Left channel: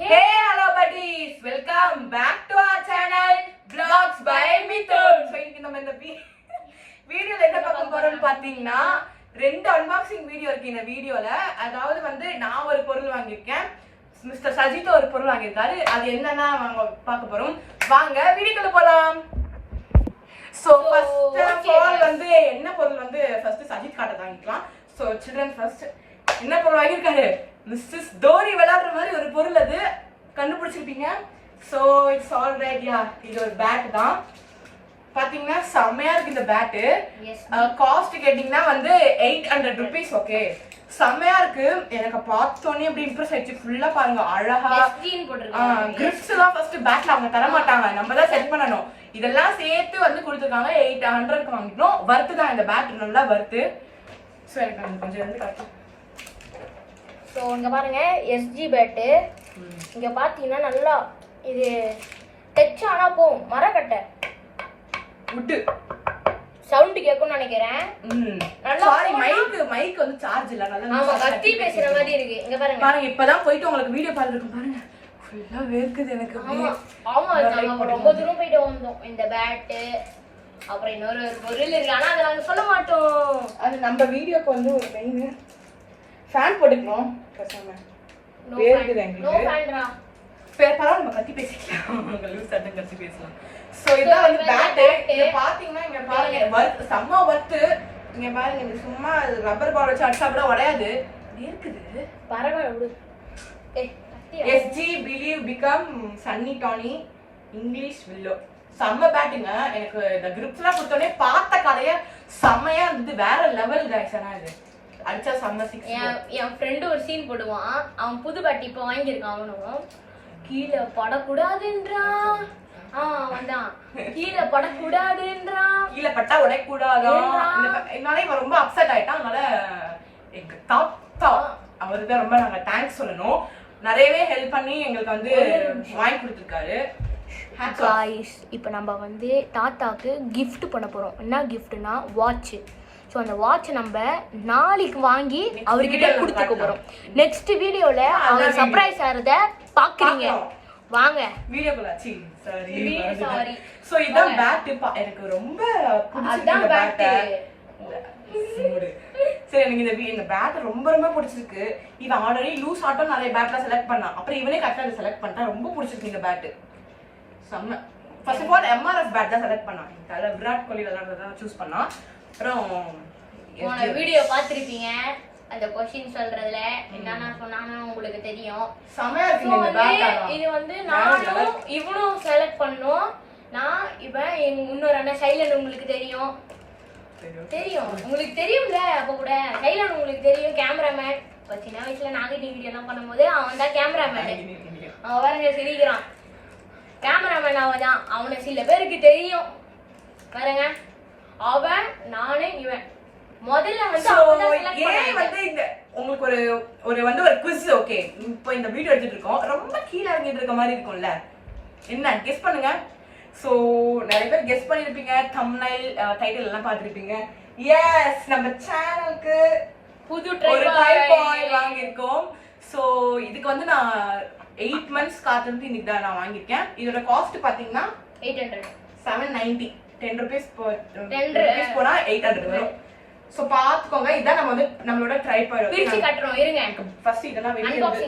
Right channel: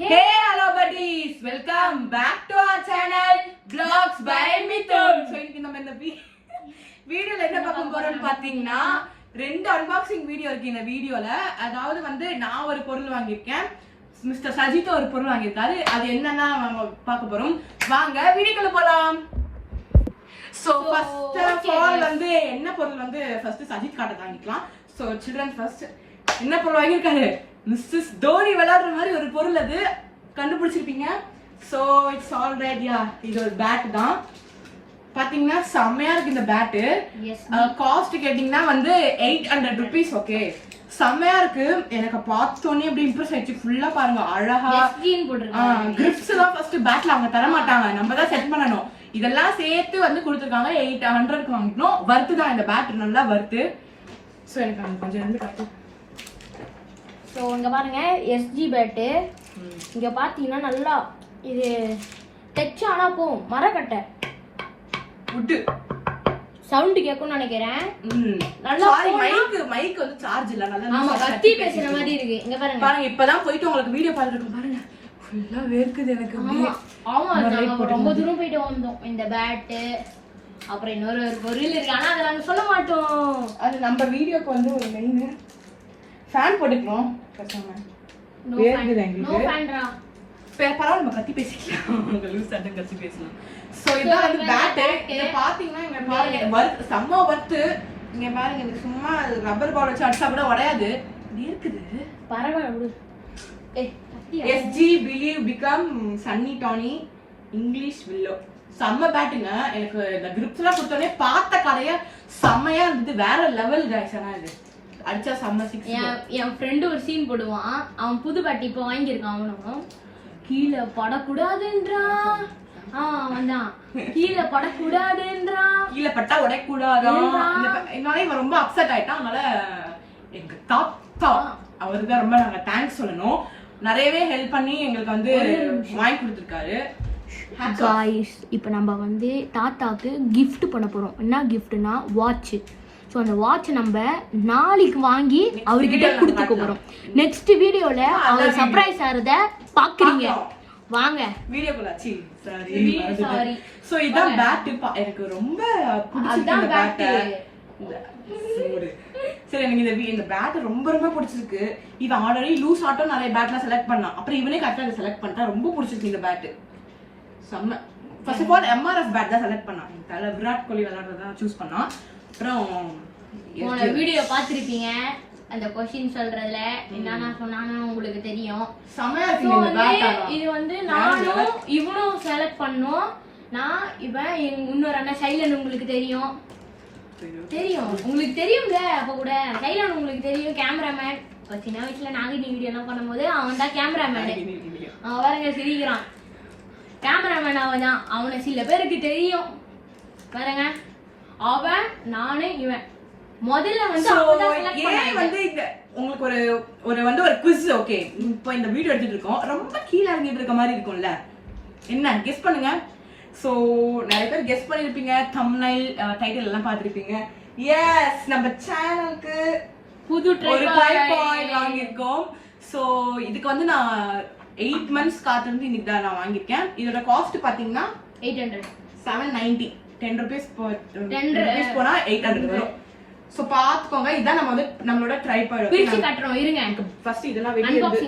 Hey hello buddies, welcome back to our channel Vlogs by Mithun. So இன்னைக்கு நம்ம இந்த வீடியோல என்ன பார்க்க போறோம்னு பாத்தீங்கன்னா ரெண்டு அன்பாக்சிங் வீடியோ இருக்கு இந்த வீடியோல. அதாவது வந்து நான் ஒரு பொருள் வாங்கியிருக்கேன், மிஸ்டர் சஜித் ஒரு பொருள் வாங்கியிருக்காரு. அது என்னன்னா நம்ம பார்க்க போறோம். வாங்க வீடியோக்குள்ள போலாம். So first of all வந்து என்ன பொருள் வந்து ஃபர்ஸ்ட் சஜித் காட்ட வாங்கிக்கலாம். So children first என்ன பொருள் வாங்கியிருக்காரு? மிஸ்ஸஸ் தோனி விளையாடுற மாதிரி ஒரு பொருள், அது கண்டுபிடிச்சிருப்பீங்க. So it's all right. Yeah, இது ஒரு பேட் தான். பாத்தீங்கன்னா செம்மையா இருக்கு இந்த பேட்டு. காஸ்ட் கேட்டீங்கன்னா வந்து 800 rupees. ஓகே, செம்மையா இருக்கு. எனக்கு பார்த்தோன்னே அப்படி இம்ப்ரெஸ் ஆயிடுச்சு. ஃபுல்லா பாருங்க, அழகா கிரிப்ஸ் எல்லாம் ஃபர்ஸ்ட் பேட்ல அவங்க தர மாட்டாங்க, நம்ம தான் செட் பண்ணணும். இதெல்லாம் சேர்த்து வந்து கொடுத்துருக்காங்க. 800 வாங்கிக்கணும். வர்த்து தான் இந்த பேட், நல்லா வர்த்து. ஸோ எனக்கு அந்த கொஞ்சம் வந்து காட்டு. ஸோ இங்கே பாருங்க, எஸ்ஜி பேட்டு. இங்கே பார்த்தீங்கன்னா நல்லா இது டச் ஆனால் போகும். மரக்கட்டை உட்டு சவுண்டு கேட்கும்னு நினைக்கிறேன். நல்லா மைக் வந்து சார்ஜ் இல்ல. நல்லா ஆமா, கத்தி பேசுற மாதிரி இருக்கு. இங்க பாருங்க பாருங்க, இப்பதான் போயிட்டு உங்களுக்கு வீடியோ கால் இருக்கு பாருங்க. ஃபுல்லா வேர்க்குது எனக்கு. ஆமா, நாங்க ரொம்ப தூரம் போயிட்டு வந்தோம். இந்த பேட்டு அப்புறம் இன்னொரு ஒரு பொருள் இருக்கு, ஆனா அதை நாங்க சொல்ல மாட்டோம். அது நம்ம வீடியோக்கு வந்து ஒரு மெயின் ஃபேன் போட்டுக்கணும். வேர்க்குது எங்களுக்கு. பரவாயில்ல, நம்ம கத்தி பேசிக்கலாம். உங்க லூஸ் அட்டன் கத்தி பேசலாம். சோ இதான் வந்து பேட். இத பாத்தீங்கன்னா இங்க பாருங்க, வர்த் செம்ம வர்த். இங்க பாருங்க, இது சும்மா ரப்பர் பால் வச்சு அடிச்சா கூட உடையாது. இருக்குது பரவாயில்ல விடு. எஸ்ஜி பிலீவ் பிகம் சன்னி டானி இங்கிலீஷ் வில்லோ. செம்ம பேட்டுங்க. எனக்கு இந்த கிரிப்ஸ் எல்லாம் கொடுத்தோடனே பார்த்த கடையா செம்மையா இருந்தது. வேற லெவல் கைஸாங்க. அது அடிச்சா செம்ம சிக்ஸ். என் ஃப்ரெண்டு ஒரு சீன் போடுவான். அவன் புது பேட் இப்போ வாங்கியிருக்கான். அவனும் கீழே படக்கூடாதுன்றான். வந்தான் கீழே படக்கூடாதுன்றான். கீழே பட்டா உடையக்கூடாது. என்னால இவன் ரொம்ப அப்செட் ஆயிட்டான். அதனால எங்க தாத்தா அவருக்கு ரொம்ப நாங்க தேங்க்ஸ் சொல்லணும். நிறையவே ஹெல்ப் பண்ணி எங்களுக்கு வந்து வாங்கி கொடுத்துருக்காரு. காய்ஸ், இப்போ நம்ம வந்து தாத்தாக்கு கிஃப்ட் பண்ண போகிறோம். என்ன கிஃப்ட்னா வாட்ச். ஸோ அந்த வாட்ச் நம்ம நாளைக்கு வாங்கி அவர்கிட்ட கொடுத்துக்க போகிறோம். நெக்ஸ்ட் வீடியோவில் அவர் சர்ப்ரைஸ் ஆகிறத பார்க்குறீங்க. வாங்க வீடியோக்குள்ள. சாரி. சோ இதான் பேட். எனக்கு ரொம்ப பிடிச்சிருக்கு பேட். சரி, எனக்கு இந்த பேட் ரொம்ப ரொம்ப பிடிச்சிருக்கு. இவன் ஆல்ரெடி லூஸ் ஆட்டோ நிறைய பேட்ல செலக்ட் பண்ணான். அப்புறம் இவனே கரெக்டா செலக்ட் பண்ணிட்டான். ரொம்ப பிடிச்சிருக்கு இந்த பேட். செம்ம. First of all MRF bat தான் செலக்ட் பண்ணான். தல விராட் கோலி விளையாடுறத சூஸ் பண்ணான். அப்புறம் வீடியோ பார்த்திருப்பீங்க. அந்த क्वेश्चन சொல்றதுல என்னன்னா சொன்னாங்கன்னு உங்களுக்கு தெரியும். செமையா இருக்கு இந்த பேட். இது வந்து நானும் இவனும் செலக்ட் பண்ணோம். நான் இவன் இன்னொரு அண்ணன் சைலன், உங்களுக்கு தெரியும். உங்களுக்கு தெரியும்ல. அப்ப கூட சைலன் உங்களுக்கு தெரியும், கேமராமேன். இப்போ சின்ன வயசுல நாகினி வீடியோ எல்லாம் பண்ணும்போது அவன் தான் கேமராமேன். அவன் பாருங்க சிரிக்கிறான். கேமராமேன் அவன் தான். அவனை சில பேருக்கு தெரியும் பாருங்க. அவன் நானு இவன் முதல்ல வந்து வந்து இந்த உங்களுக்கு ஒரு வந்து ஒரு குவிஸ். ஓகே, இப்போ இந்த வீடியோ எடுத்துட்டு இருக்கோம். ரொம்ப கீழே இறங்கிட்டு இருக்க மாதிரி இருக்கும்ல, என்ன கெஸ் பண்ணுங்க. சோ நிறைய பேர் கெஸ் பண்ணிருப்பீங்க. தம்ப்நெயில் டைட்டில் எல்லாம் பார்த்திருப்பீங்க. எஸ், நம்ம சேனலுக்கு புது ட்ரைபாட் வாங்கியிருக்கோம். சோ இதுக்கு வந்து நான் 8 months காத்திருந்து இன்னைக்கு தான் நான் வாங்கியிருக்கேன். இதோட காஸ்ட் பாத்தீங்கன்னா 800 790 10 rupees போனா 800 வரும். சோ பாத்துக்கோங்க. இதான் நம்ம வந்து நம்மளோட ட்ரைபாட் பிரிச்சு காட்றோம். இருங்க, ஃபர்ஸ்ட் இதெல்லாம்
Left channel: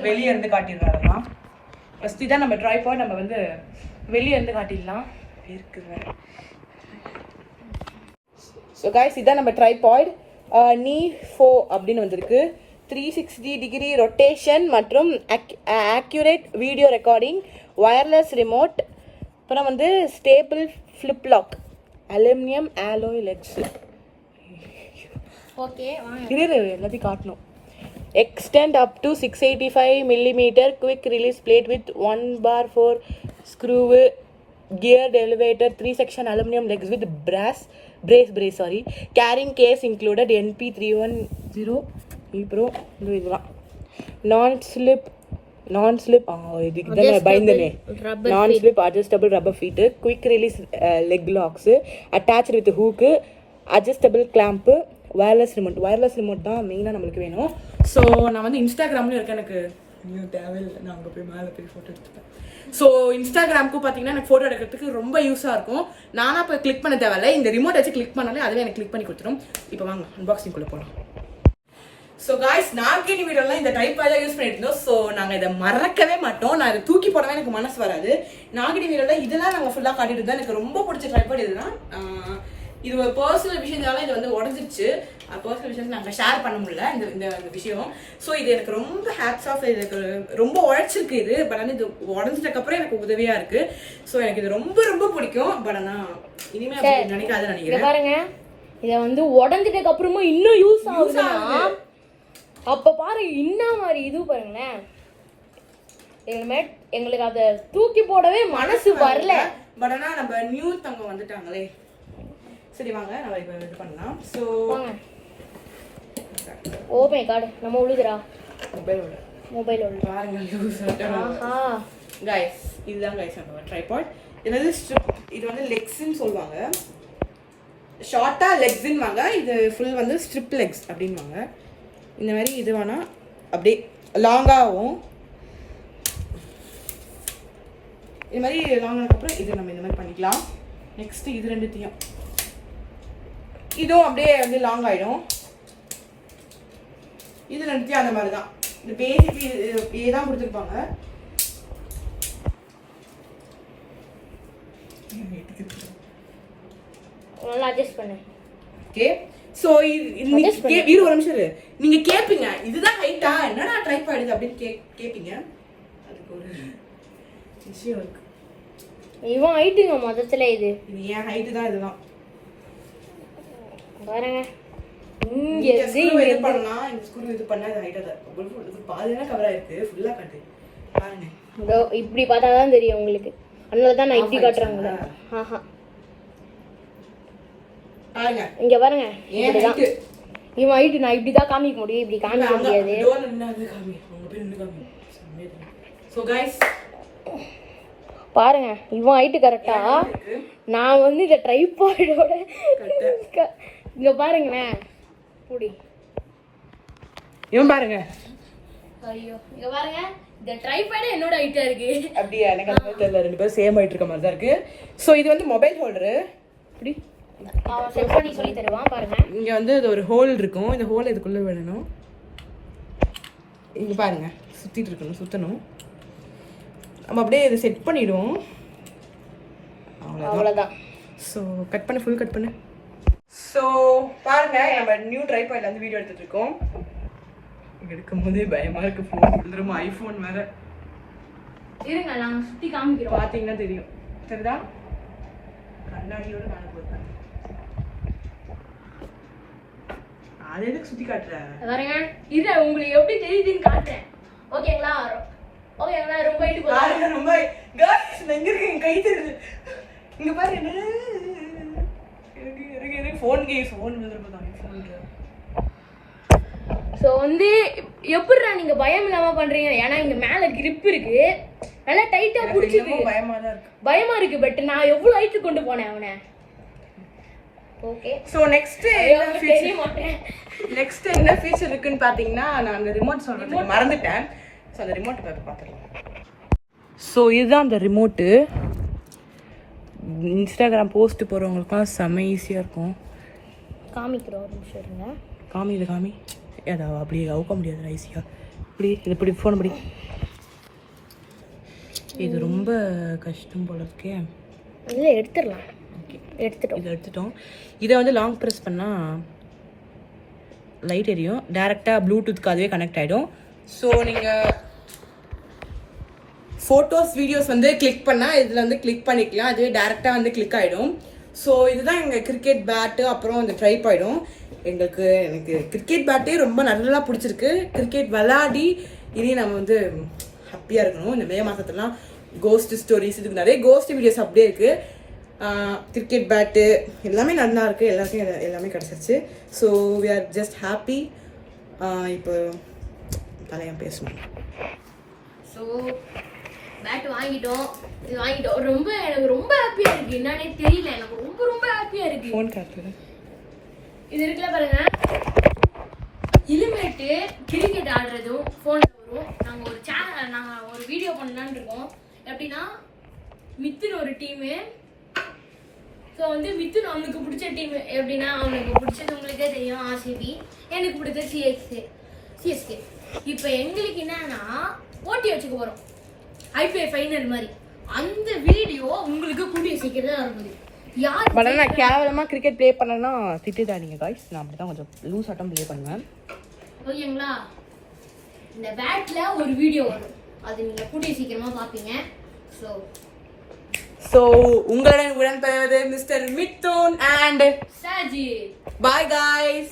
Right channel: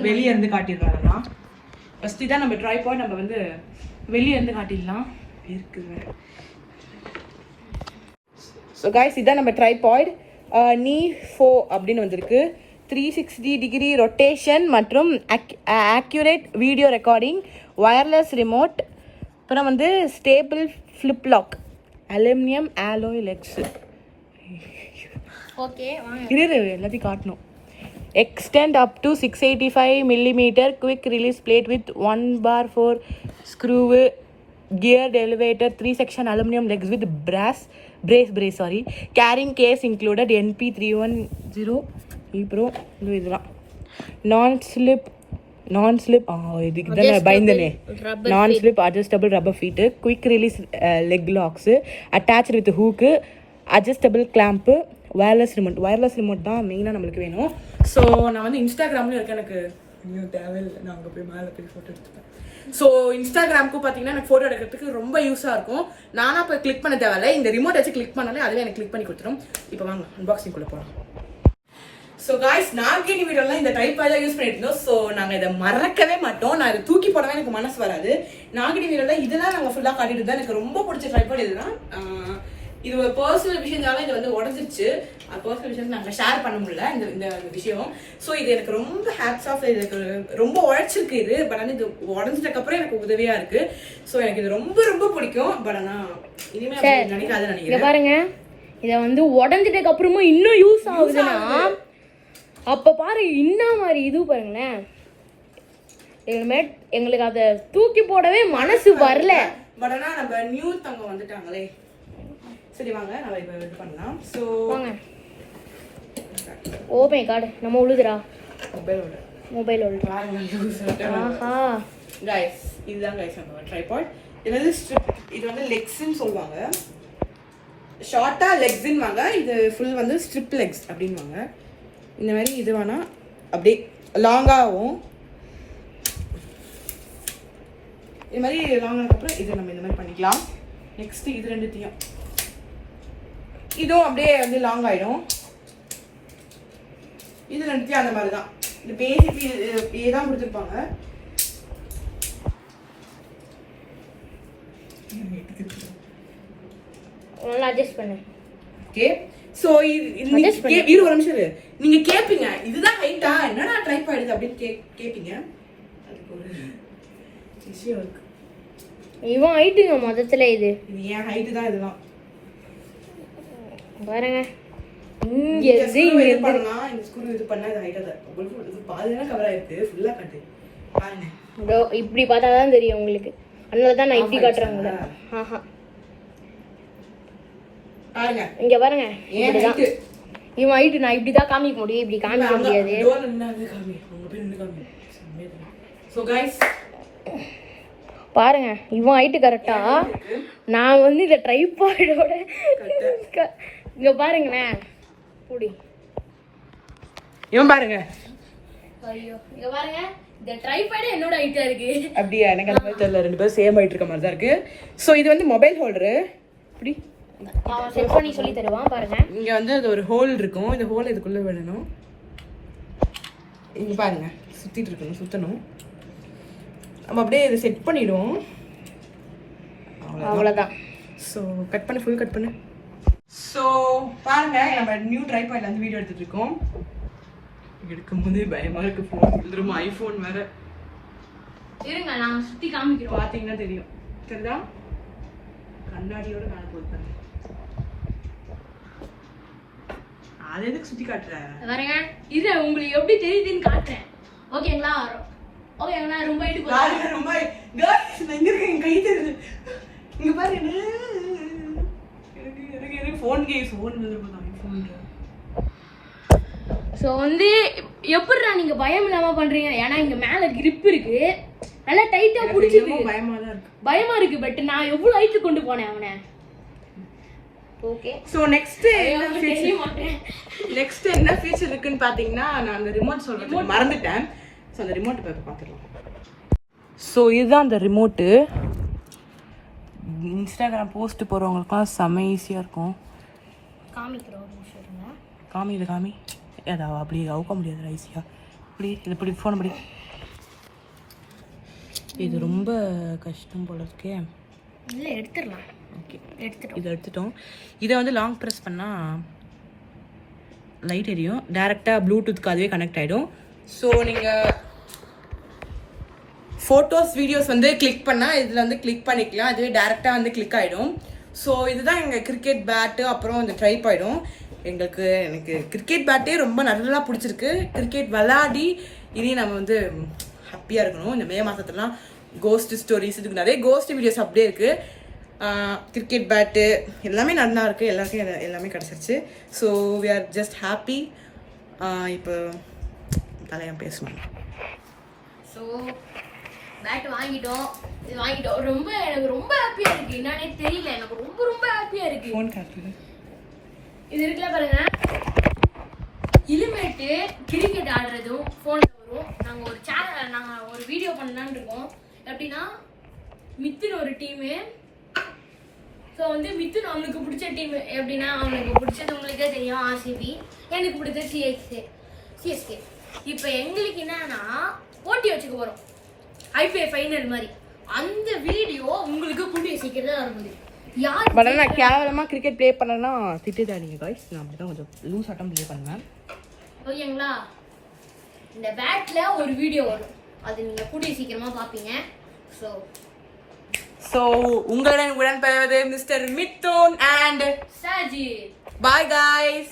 வெளிய இருந்து காட்டிடலாம். ஃபர்ஸ்ட் இதான் நம்ம ட்ரைபாட். நம்ம வந்து வெளிய இருந்து காட்டிடலாம். இருக்குது. சோ गाइस, இதான் நம்ம ட்ரைபாட். நீ 4 அப்படினு வந்திருக்கு. 360 degree ரொட்டேஷன் மற்றும் accurate video recording, wireless remote, அப்புறம் வந்து stable flip lock, aluminium alloy legs. Okay, எல்லாத்தையும் காட்டணும். Extend up to 685 mm quick release plate with 1/4 screw, geared elevator, 3 section aluminum legs with brace, carrying case included, NP310 Pro. இதெல்லாம் நான் slip இதுக்கு தான் பயந்தனே. நான் slip adjustable rubber feet, quick release leg lakhs, attach with hook, adjustable clamp, wireless remote தான் மெயினாக நம்மளுக்கு வேணும். So நான் வந்து இன்ஸ்டாகிராம்ல இருக்க எனக்கு ஐயோ தேவையில்லை, நான் அங்கே போய் மேலே போய் ஃபோட்டோ எடுத்துப்பேன். ஸோ இன்ஸ்டாகிராமுக்கு பார்த்தீங்கன்னா எனக்கு ஃபோட்டோ எடுக்கிறதுக்கு ரொம்ப யூஸாக இருக்கும். நானாக இப்போ கிளிக் பண்ண தேவையில்லை, இந்த ரிமோட் வச்சு கிளிக் பண்ணாலே அதுவே எனக்கு கிளிக் பண்ணி கொடுத்துரும். இப்போ வாங்க அன்பாக்சிங்குள்ளே போகலாம். ஸோ காய்ஸ், நாங்கள் இந்த வீடியோலாம் இந்த டைப் தான் யூஸ் பண்ணிட்டு இருந்தோம். ஸோ நாங்கள் இதை மறக்கவே மாட்டோம். நான் இதை தூக்கி போடவே எனக்கு மனசு வராது. நாங்கள் இந்த வீடியோவில் இதெல்லாம் நாங்கள் ஃபுல்லாக காட்டிட்டு தான். எனக்கு ரொம்ப பிடிச்ச ட்ரைபாட் இதுதான். இது ஒரு பர்சனல் விஷயத்தால இது வந்து உடஞ்சிச்சு. பர்சனல் விஷயத்தை நாங்கள் ஷேர் பண்ண முடியல இந்த விஷயம். ஸோ இது எனக்கு ரொம்ப ஹேட்ஸ் ஆஃப். இதுக்கு ரொம்ப உழைச்சிருக்கு இது. பட் வந்து இது உடஞ்சதுக்கப்புறம் எனக்கு உதவியா இருக்கு. ஸோ எனக்கு இது ரொம்ப ரொம்ப பிடிக்கும். பட் ஆனால் இனிமேல் நினைக்காது நினைக்கிறேன். பாருங்க, இதை வந்து உடஞ்சிட்டதுக்கு அப்புறமும் இன்னும் யூஸ் ஆகுதுன்னா அப்ப பாரு என்ன மாதிரி இது பாருங்களேன். எங்களுக்கு அதை தூக்கி போடவே மனசு வரல. பட் ஆனா நம்ம நியூ தங்க வந்துட்டாங்களே. சரி வாங்க நம்ம இப்போ இது பண்ணலாம். ஸோ ஓ மை காட், நம்ம உழுதுரா மொபைல் உள்ள பாருங்க. ஆஹா गाइस, இதுதான் गाइस நம்ம ட்ரைபாட். இது வந்து லெக்ஸ்ன்னு சொல்வாங்க. ஷார்ட்டா லெக்ஸ்ன்னுவாங்க. இது ஃபுல் வந்து ஸ்ட்ரிப் லெக்ஸ் அப்படின்வாங்க. இந்த மாதிரி இது வேணா அப்படியே லாங்காகவும் இது மாதிரி லாங்காக அப்புறம் இது நம்ம இந்த மாதிரி பண்ணிக்கலாம். நெக்ஸ்ட் இது ரெண்டுத்தையும் இதுவும் அப்படியே வந்து லாங் ஆயிடும். இது ரெண்டுத்தையும் அந்த மாதிரி தான். இந்த பேசிக் இப்படியே தான் கொடுத்துருப்பாங்க. அட்ஜஸ்ட் பண்ணு. ஓகே, சோ இது ஒரு நிமிஷம் இரு. நீங்க கேப்பீங்க இதுதான் ஹைட்டா, என்னடா ட்ரைபாட் இது அப்படின்னு கேப்பீங்க. அதுக்கு ஒரு விஷயம் இருக்கு. இவன் ஹைட்டுங்க மொத்தத்துல இது ஏன் ஹைட் தான் இதெல்லாம் பாருங்க. இங்க இது பண்ணலாம். இந்த ஸ்க்ரூ இது பண்ணா இது ஹைட்டா தான். இது பாதியா கவர் ஆயிருக்கு. ஃபுல்லா கட்டு பாருங்க. இதோ இப்படி பார்த்தா தான் தெரியும் உங்களுக்கு. அதனால தான் நான் இப்படி காட்டுறாங்க. ஆஹா பாருங்க, இங்க பாருங்க. இப்படிதான் இவன் ஹைட். நான் இப்படி தான் காமிக்க முடியும், இப்படி காமிக்க முடியாது. சோ गाइस பாருங்க, இவன் ஹைட் கரெக்டா. நான் வந்து இந்த ட்ரைபாடோட இங்க பாருங்களேன். கூடி இவன் பாருங்க. ஐயோ இங்க பாருங்க, இந்த ட்ரைபாட் என்னோட ஹைட்டா இருக்கு. அப்படியே எனக்கு அந்த மாதிரி தெரியல. ரெண்டு பேரும் சேம் ஹைட் இருக்க மாதிரி தான் இருக்கு. சோ இது வந்து மொபைல் ஹோல்டர். இப்படி செட் பண்ணி சொல்லி தருவான் பாருங்க. இங்க வந்து அது ஒரு ஹோல் இருக்கும். இந்த ஹோல் இதுக்குள்ள விடணும். இங்க பாருங்க, சுத்திட்டு இருக்கணும், சுத்தணும். நம்ம அப்படியே இதை செட் பண்ணிடுவோம். அவ்வளவுதான். ஸோ கட் பண்ணு, ஃபுல் கட் பண்ணு. ஸோ பாருங்க, நம்ம நியூ ட்ரைபாட்ல வந்து வீடியோ எடுத்துட்டு இருக்கோம். எடுக்கும் போதே பயமா இருக்கு. ஃபோன் வந்துருமா? ஐபோன் வேற. இருங்க நான் சுத்தி காமிக்கிறோம். பாத்தீங்கன்னா தெரியும். தெரியுதா? கண்ணாடியோட மேல போட்டாங்க. அது எதுக்கு சுத்தி காட்டுற? பாருங்க, இது உங்களுக்கு எப்படி தெரியுதுன்னு காட்டுறேன். ஓகேங்களா? ஓகேங்களா? ரொம்ப ஹைட் போகுது. ரொம்ப गाइस எங்க இருக்கு? என் கை தெரியுது. இங்க பாருங்க. இருக்கு ஃபோன் கேஸ் ஃபோன் வந்துருப்பாங்க ஃபோன். சோ வந்து எப்படிடா நீங்க பயம் இல்லாம பண்றீங்க? ஏன்னா இங்க மேல grip இருக்கு. நல்லா டைட்டா புடிச்சிருக்கு. பயமா தான் இருக்கு. பயமா இருக்கு. பட் நான் எவ்வளவு ஹைட் கொண்டு போனேன் அவனை. ஓகே, சோ நெக்ஸ்ட் என்ன ஃபீச்சர் இருக்குன்னு பாத்தீங்கன்னா, நான் அந்த ரிமோட் சொல்றதுக்கு மறந்துட்டேன். சோ அந்த ரிமோட் பாத்துறலாம். சோ இதுதான் அந்த ரிமோட். இன்ஸ்டாகிராம் போஸ்ட் போறவங்களுக்குலாம் செம ஈஸியா இருக்கும். காமிக்கிறோம் ஒரு நிமிஷம் இருங்க. காமி ஏதா அப்படியே அவுக்க முடியாது ஈஸியா. இப்படி ஃபோன் அப்படி. இது ரொம்ப கஷ்டம் போல இருக்கே. இல்ல எடுத்துடலாம். ஓகே, எடுத்துட்டோம். இதை வந்து லாங் ப்ரெஸ் பண்ணால் லைட் எரியும். டேரெக்டாக ப்ளூடூத்க்கு அதுவே கனெக்ட் ஆகிடும். ஸோ நீங்கள் ஃபோட்டோஸ் வீடியோஸ் வந்து கிளிக் பண்ணால் இதில் வந்து கிளிக் பண்ணிக்கலாம். அதுவே டேரெக்டாக வந்து கிளிக் ஆகிடும். ஸோ இதுதான் எங்கள் கிரிக்கெட் பேட்டு. அப்புறம் இந்த ட்ரைபாடும். எனக்கு கிரிக்கெட் பேட்டே ரொம்ப நல்லா பிடிச்சிருக்கு. கிரிக்கெட் விளையாடி இனி நம்ம வந்து ஹாப்பியாக இருக்கணும். இந்த மே மாதத்துலாம் கோஸ்ட் ஸ்டோரிஸ், இதுக்கு நிறைய கோஸ்ட் வீடியோஸ் அப்படியே இருக்குது. கிரிக்கெட் பேட்டு எல்லாமே நல்லா இருக்குது. எல்லாருக்கும் எல்லாமே கிடச்சிருச்சு. So we are just happy. இப்போ தலையாக பேசணும். ஸோ பேட் வாங்கிட்டோம். இது வாங்கிட்டோம். எனக்கு ரொம்ப ஹாப்பியாக இருக்குது. என்னன்னே தெரியல, எனக்கு ரொம்ப ரொம்ப ஹாப்பியாக இருக்குது. ஃபோன் காட்டுங்க. இது இருக்குல்ல பாருங்க, இனிமேட்டு கிரிக்கெட் ஆடுறதும் ஃபோனில் வரும். நாங்கள் ஒரு நான் ஒரு வீடியோ பண்ணலான்னு இருக்கோம். எப்படின்னா மித்துன் ஒரு டீமு. ஸோ வந்து மித்துன் அவங்களுக்கு பிடிச்ச டீம் எப்படின்னா அவங்களுக்கு பிடிச்சது உங்களுக்கே தெரியும் ஆர்சிபி, எனக்கு பிடிச்சது சிஎஸ்கே. இப்போ எங்களுக்கு என்னன்னா போட்டி வச்சுக்க போறோம் ஐபிஎல் ஃபைனல் மாதிரி. அந்த வீடியோ உங்களுக்கு கூடிய சீக்கிரம் இருக்கும். நான் கேவலமா கிரிக்கெட் ப்ளே பண்ணனா திட்டுதாதீங்க गाइस. நான் அப்படிதான் கொஞ்சம் லூஸ் ஆட்டம் ப்ளே பண்ணுவேன். ஓகேங்களா? இந்த பேட்ல ஒரு வீடியோ வரும், அது நீங்க கூடிய சீக்கிரமா பாப்பீங்க. சோ உங்களுடன் உடன்படுவது mister Mithun and Saji. bye guys.